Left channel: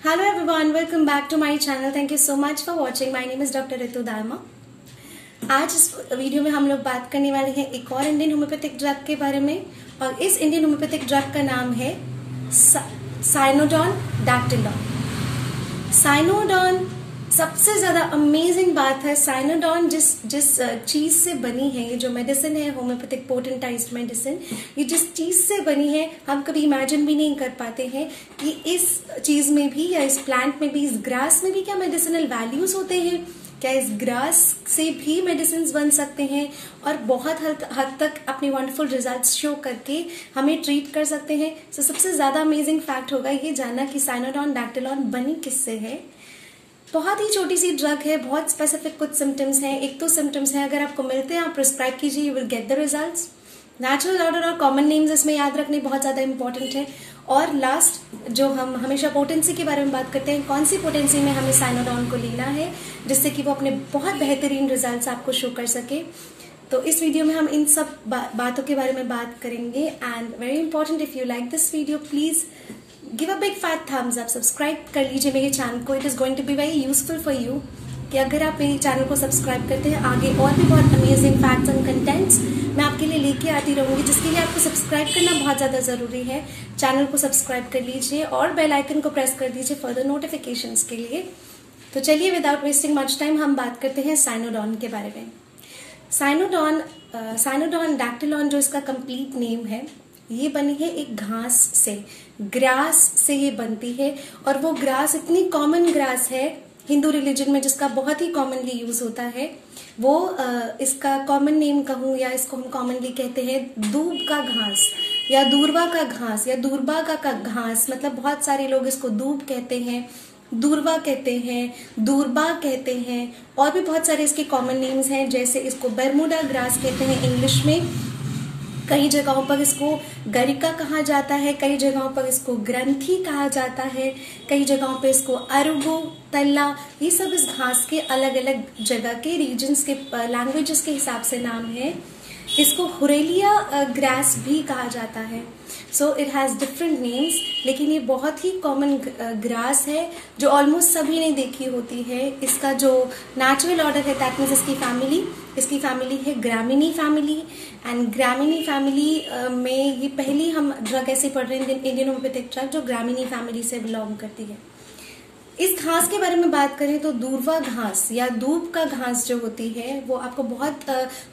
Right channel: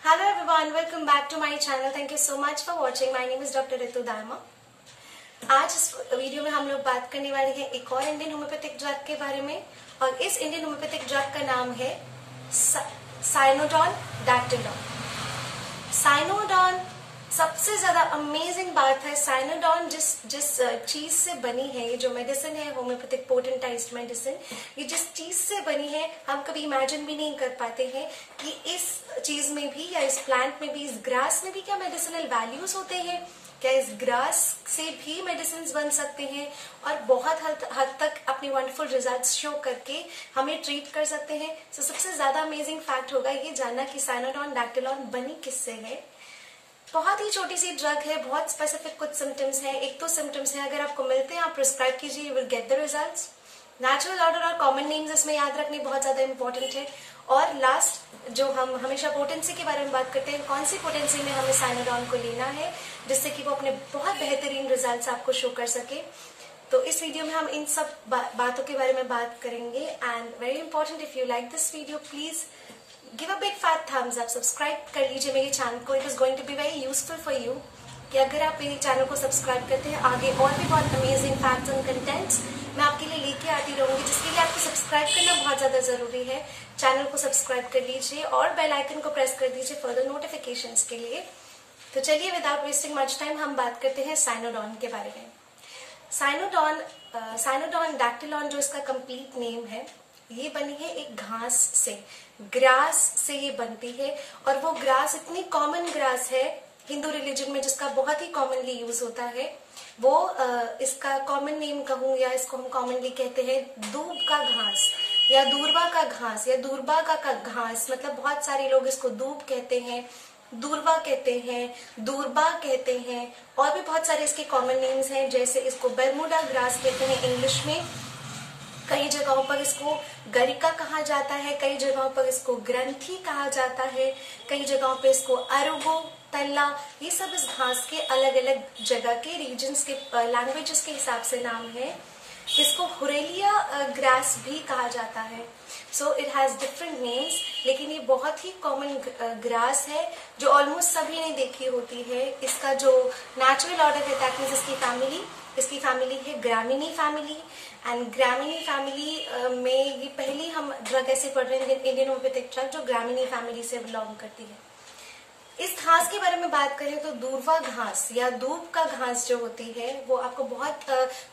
Hello everyone, welcome back to my channel. Thank you so much for watching. My name is Dr. Ritu Dharma. आज इस video में हम लोग बात करने वाले हैं एक और इंडियन होम्योपैथिक ड्रग के बारे में, और इस इंडियन होम्योपैथिक ड्रग का नाम है साइनोडॉन डैक्टिलॉन। साइनोडॉन सबसे ज्यादा अमेजिंग बात है, साइनोडॉन जिस चीज से बनी है, ये जो मेडिसिन है होम्योपैथिक पोटेंटाइज्ड मेडिसिन, ये जिस चीज से बनी है हम कभी इमेजिन भी नहीं कर पाते हैं कि इस चीज में भी या इस प्लांट में भी, इस ग्रास में भी क्या मेडिसिनल वैल्यूज होते हैं, क्या इस ग्रास से भी मेडिसिन बन सकते हैं और बहुत हद तक अपने वंडरफुल रिजल्ट्स शो करके हमें ट्रीट कर सकते हैं। तो सबसे ज्यादा अमेजिंग फैक्ट होगा ये जानना कि साइनोडॉन डैक्टिलॉन बनी किससे है। बहुत ही छोटी सी ड्रग है, बहुत स्पेसिफिक कुछ सिम्टम्स हैं। एक तो सिम्टम्स हैं, अगर आपको मिलते हैं आप प्रिस्क्राइब कीजिए, you will get the results. Natural order और कॉमन नेम्स इसमें याद रखने बहुत ज्यादा इंपॉर्टेंट है। और लास्ट जो हम हमेशा पोटेंसी के बारे में बात करते हैं, कौन सी पोटेंसी में हमें साइनोडॉन को लेना है जिससे कि वो अपने बहुत बेहतरीन रिजल्ट्स आपको शो कर सके। तो इस वीडियो में हम इन सब बातों के बारे में बात करेंगे। And very important, if you like this video please give a big fat thumbs up, subscribe कर लीजिए मेरे चैनल को। It is going to be very useful for you कि अगर आप मेरे चैनल को सब्सक्राइब करते हैं, आगे और भी बहुत अमेजिंग फैक्ट्स एंड कंटेंट्स मैं आपके लिए लेके आती रहूंगी, जिसके लिए आपको सब्सक्राइब करना बहुत ज्यादा जरूरी है। चैनल को सब्सक्राइब कर लीजिए और बेल आइकन को प्रेस कर दीजिए फर्दर नोटिफिकेशंस के लिए। तो चलिए विदाउट वेस्टिंग मच टाइम हम बात करते हैं साइनोडॉन के बारे में। साइनोडॉन डैक्टिलॉन जो इसका कंप्लीट नेम है, ये बनी है एक घास से, ग्रास से ये बनती है। और वो ग्रास इतनी कॉमन ग्रास है हिंदू रिलीजन में जिसका बहुत ही कॉमनली यूज होता है। वो इसका कॉमन नेम कहूँ या इसको हम कॉमनली कहते हैं दूब का घास या दूरबा का घास या दूरबा का घास। मतलब बहुत सारे लोग इसको दूब कहते हैं, दूरबा कहते हैं, दूरबा कहते हैं, और भी बहुत सारे इसके कॉमन नेम्स हैं। जैसे इसको बर्मुडा ग्रास कहते हैं इंग्लिश में, कई जगहों पर इसको गरिका कहा जाता है, कई जगहों पर इसको ग्रंथी कहा जाता है, कई जगहों पर इसको अरुगो, तल्ला, ये सब इस घास के अलग अलग जगह के रीजन्स के लैंग्वेजेस के हिसाब से नाम है। इसको हुरेलिया ग्रास भी कहा जाता है। So it has different names, लेकिन ये बहुत ही कॉमन ग्रास है जो ऑलमोस्ट सभी ने देखी होती है। इसका जो नेचुरल ऑर्डर है, दैट मीन्स इसकी फैमिली है ग्रामिनी फैमिली। एंड ग्रामिनी फैमिली में ये पहली हम ड्रग ऐसे पढ़ रहे हैं, इंडियन होम्योपैथिक ड्रग जो ग्रामिनी फैमिली से बिलोंग करती है। इस घास के बारे में बात करें तो दूरवा घास या दूब का घास जो होती है वो आपको बहुत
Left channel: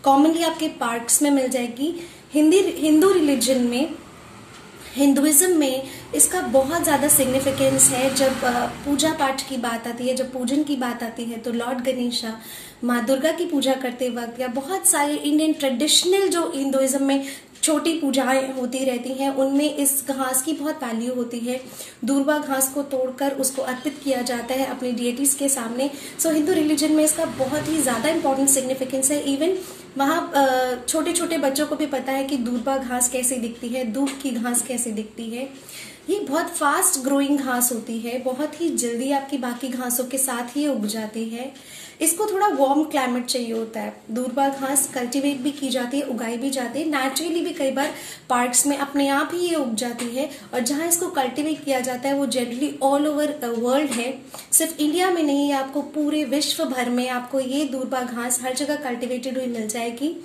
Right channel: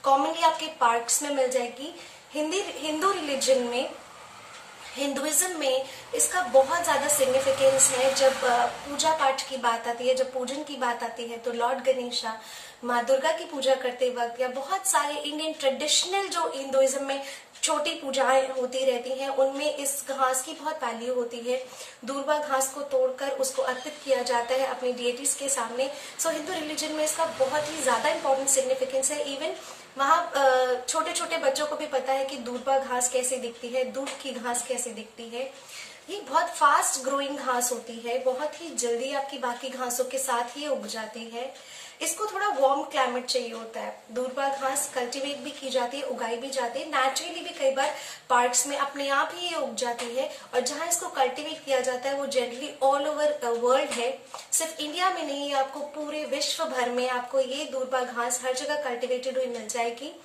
कॉमनली आपके पार्क्स में मिल जाएगी। हिंदू रिलीजन में, हिंदुइज्म में इसका बहुत ज्यादा सिग्निफिकेंस है। जब पूजा पाठ की बात आती है, जब पूजन की बात आती है, तो लॉर्ड गणेशा, माँ दुर्गा की पूजा करते वक्त या बहुत सारे इंडियन ट्रेडिशनल जो हिंदुइज्म में छोटी पूजाएं होती रहती हैं, उनमें इस घास की बहुत वैल्यू होती है। दूरबा घास को तोड़कर उसको अर्पित किया जाता है अपने डिएटीज के सामने। सो हिंदू रिलीजन में इसका बहुत ही ज्यादा इंपॉर्टेंट सिग्निफिकेंस है। इवन वहाँ छोटे छोटे बच्चों को भी पता है कि दूरबा घास कैसे दिखती है, दूब की घास कैसे दिखती है। ये बहुत फास्ट ग्रोइंग घास होती है, बहुत ही जल्दी आपकी बाकी घासों के साथ ही उग जाती है। इसको थोड़ा वार्म क्लाइमेट चाहिए होता है। दूरबा घास कल्टीवेट भी की जाती है, उगाई भी जाती है, नेचुरली भी कई बार पार्क्स में अपने आप ही ये उग जाती है। और जहां इसको कल्टीवेट किया जाता है वो जनरली ऑल ओवर वर्ल्ड है, सिर्फ इंडिया में नहीं, आपको पूरे विश्व भर में आपको ये दूरबा घास हर जगह कल्टीवेटेड हुई मिल जाएगी।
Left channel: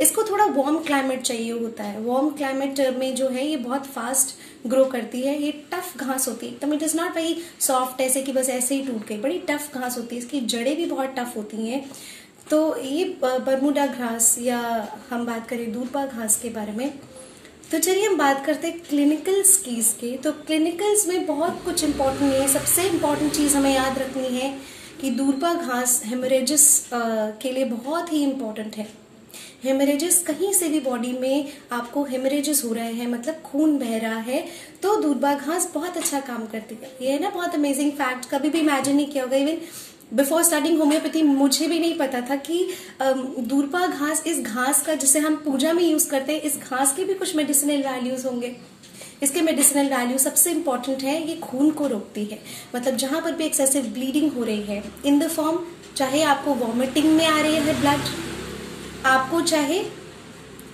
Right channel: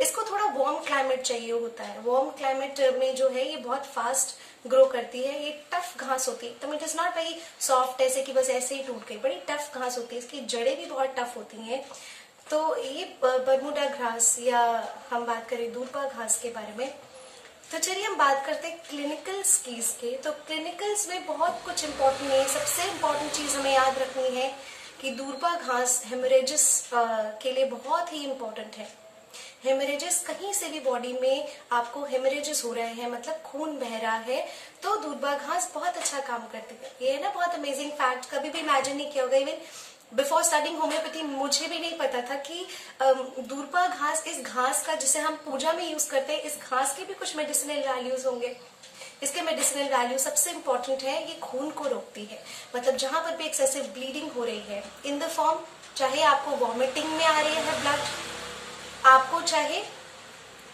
इसको थोड़ा वार्म क्लाइमेट चाहिए होता है। वार्म क्लाइमेट में जो है ये बहुत फास्ट ग्रो करती है। ये टफ घास होती है एकदम, it is not very soft ऐसे कि बस ऐसे ही टूट गई, बड़ी टफ घास होती है। इसकी जड़ें भी बहुत टफ होती हैं। तो ये बर्मुडा घास या हम बात करें दूरबा घास के बारे में, तो चलिए हम बात करते हैं क्लिनिकल्स की इसके। तो क्लिनिकल्स में बहुत कुछ इंपॉर्टेंट है। सबसे इंपॉर्टेंट चीज हमें याद रखनी है कि दूरबा घास हेमरेजेस के लिए बहुत ही इंपॉर्टेंट है। हेमरेजेस, कहीं से भी बॉडी में आपको हेमरेजेस हो रहे हैं, मतलब खून बह रहा है, तो दूरबा घास बहुत अच्छा काम करती है। ये है ना बहुत अमेजिंग फैक्ट, कभी भी इमेजिन नहीं किया होगा। इवन बिफोर स्टार्टिंग होम्योपैथी मुझे भी नहीं पता था कि दूरबा घास, इस घास का जिसे हम पूजा में यूज करते हैं, इस घास के भी कुछ मेडिसिनल वैल्यूज होंगे। इसके मेडिसिनल वैल्यू सबसे इंपॉर्टेंट है, ये खून को रोकती है। मतलब जहां पर भी एक्सेसिव ब्लीडिंग हो रही है इन द फॉर्म, चाहे आपको वॉमिटिंग में आ रही है ब्लड, आपको चाहे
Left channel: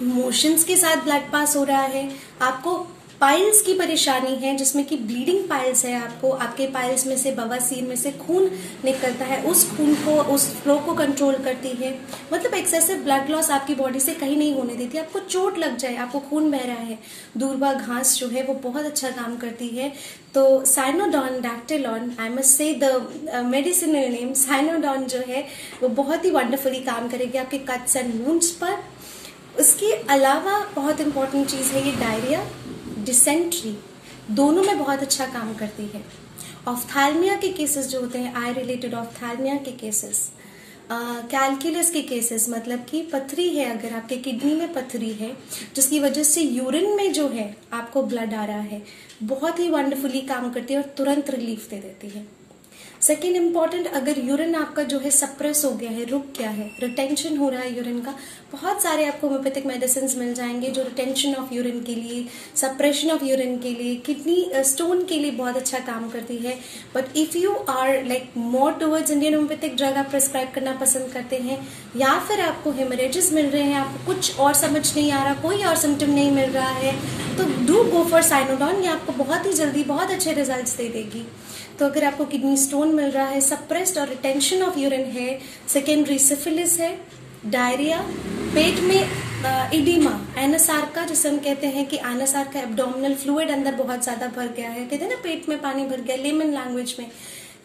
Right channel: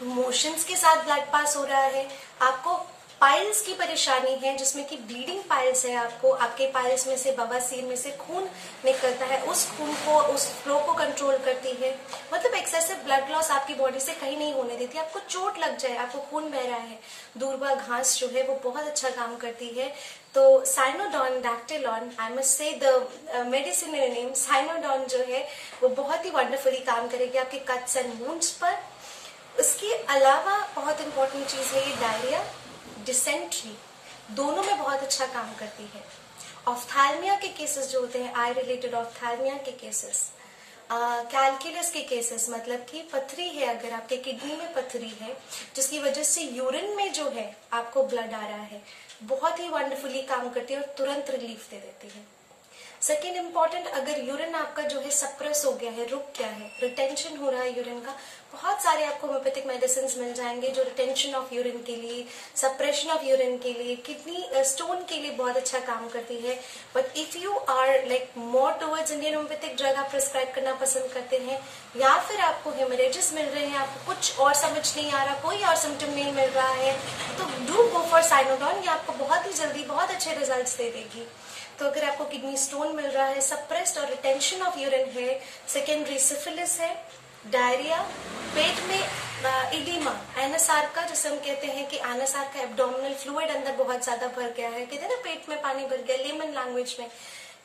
मोशंस के साथ ब्लड पास हो रहा है, आपको पाइल्स की परेशानी है जिसमें कि ब्लीडिंग पाइल्स है, आपको आपके पाइल्स में से बवासीर में से खून निकलता है, उस खून को उस फ्लो को कंट्रोल करती है। मतलब एक्सेसिव ब्लड लॉस आपकी बॉडी से कहीं नहीं होने देती। आपको चोट लग जाए, आपको खून बह रहा है, दूर्वा घास जो है वो बहुत अच्छा काम करती है। तो Cynodon dactylon, I must say the medicinal name Cynodon जो है वो बहुत ही वंडरफुली काम करेगी आपके कट्स एंड वुंड्स पर। उसके अलावा बहुत इंपॉर्टेंट चीज है ये डायरिया, डिसेंट्री, दोनों में बहुत अच्छा काम करती है। ऑफ्थैल्मिया के केसेस जो होते हैं, आई रिलेटेड ऑफ्थैल्मिया के केसेस, कैलकुलस के केसेस, मतलब कि पथरी है, अगर आपके किडनी में पथरी है जिसकी वजह से यूरिन में जो है आपको ब्लड आ रहा है, बहुत ही वंडरफुली काम करती है और तुरंत रिलीफ दे देती है। सेकेंड इंपॉर्टेंट, अगर यूरिन आपका जो है सप्रेस हो गया है, रुक गया है, रिटेंशन हो रहा है यूरिन का, बहुत सारे आपको होम्योपैथिक मेडिसिन मिल जाएंगे जो रिटेंशन ऑफ यूरिन के लिए, सप्रेशन ऑफ यूरिन के लिए, किडनी स्टोन के लिए बहुत अच्छा काम करती है। But if you are like more towards Indian homeopathic drug आप प्रिस्क्राइब करना पसंद करते हैं, या फिर आपको हेमरेजेस मिल रहे हैं, आपको कुछ और समझ नहीं आ रहा, कोई और सिम्टम नहीं मिल रहा है, तो डू गो फॉर साइनोडॉन। ये आपको बहुत ही जल्दी बहुत अच्छे रिजल्ट्स दे देगी। तो अगर आपको किडनी स्टोन मिल रहा है, सप्रेस्ड और रिटेंशन ऑफ यूरिन है, सेकेंडरी सिफिलिस है, डायरिया, पेट में इडीमा, एनासार्का जिसे हम कहते हैं कि एनासार्का एब्डोमिनल फ्लूइड अंदर बहुत ज्यादा भर गया है, कहते हैं ना पेट में पानी भर गया, लेमन लैंग्वेज में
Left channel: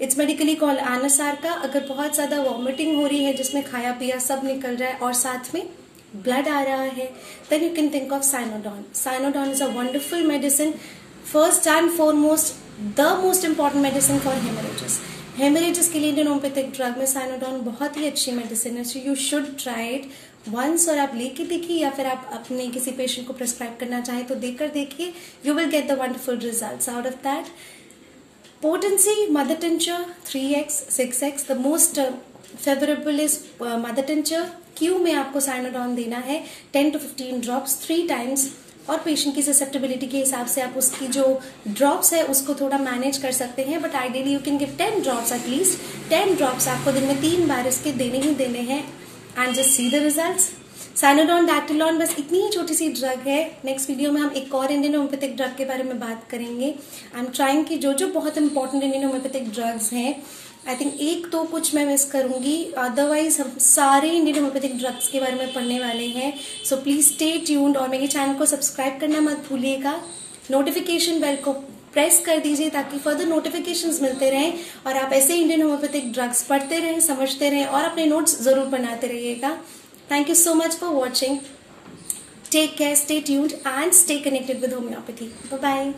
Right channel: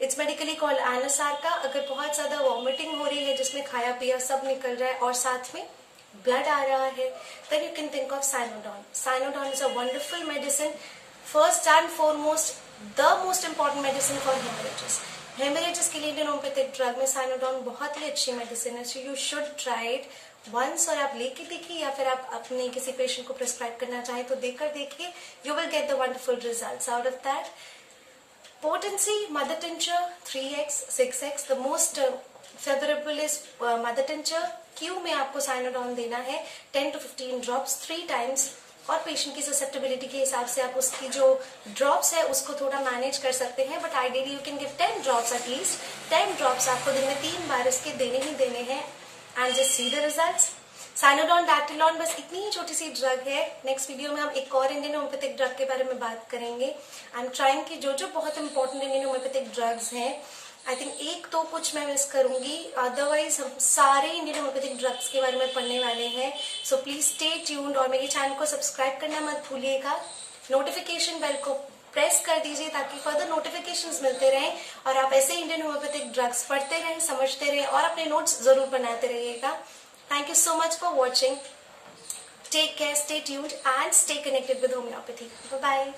इट्स मेडिकली कॉल्ड एनासार्का। अगर बहुत ज्यादा वॉमिटिंग हो रही है जिसमें खाया पिया सब निकल रहा है और साथ में ब्लड आ रहा है, then you can think of cynodon. Cynodon is a wonderful medicine, first and foremost the most important medicine for haemorrhages. Haemorrhages के लिए इंडियन होम्योपैथिक ड्रग में साइनोडॉन बहुत ही अच्छी मेडिसिन है, so you should try it once. और आप लेके देखिए या फिर आप अपने किसी पेशेंट को प्रिस्क्राइब करना चाहें तो देकर देखिए, you will get the wonderful results out of that. Potency, mother tincture 3x 6x, the most favourable is mother tincture. Q में आपको साइनोडॉन देना है 10 to 15 ड्रॉप्स 3 टाइम्स, और पेशेंट की ससेप्टेबिलिटी के हिसाब से आप उसकी जो ड्रॉप्स है उसको थोड़ा मैनेज कर सकते हैं, but ideally you can give 10 drops at least. 10 drops आपको दिन में 3 बार इसके देने ही देने हैं, and just see the results. Cynodon dactylon बस इतनी ही छोटी सी ड्रग है। नेक्स्ट वीडियो में हम एक और इंडियन होम्योपैथिक ड्रग के बारे में बात करेंगे। आई एम ट्राइंग कि जो जो बहुत इंपॉर्टेंट इंडियन होम्योपैथिक ड्रग्स हैं, आई थिंक एक तो कुछ मैं मिस करूंगी, अदरवाइज हम सारे इंडियन होम्योपैथिक ड्रग्स के बारे में पढ़ने वाले हैं। सो प्लीज स्टे ट्यून्ड और मेरे चैनल को सब्सक्राइब करना मत भूलिएगा। नोटिफिकेशन बेल को प्रेस कर दीजिए ताकि फर्दर नोटिफिकेशंस मिलते रहें और आप ऐसे इंडियन होम्योपैथिक ड्रग्स पढ़ते रहें, समझते रहें और अपने नोट्स जरूर बनाते रहिएगा। Thank you so much for watching. Take care, stay tuned and stay connected with homeopathy. Bye-bye.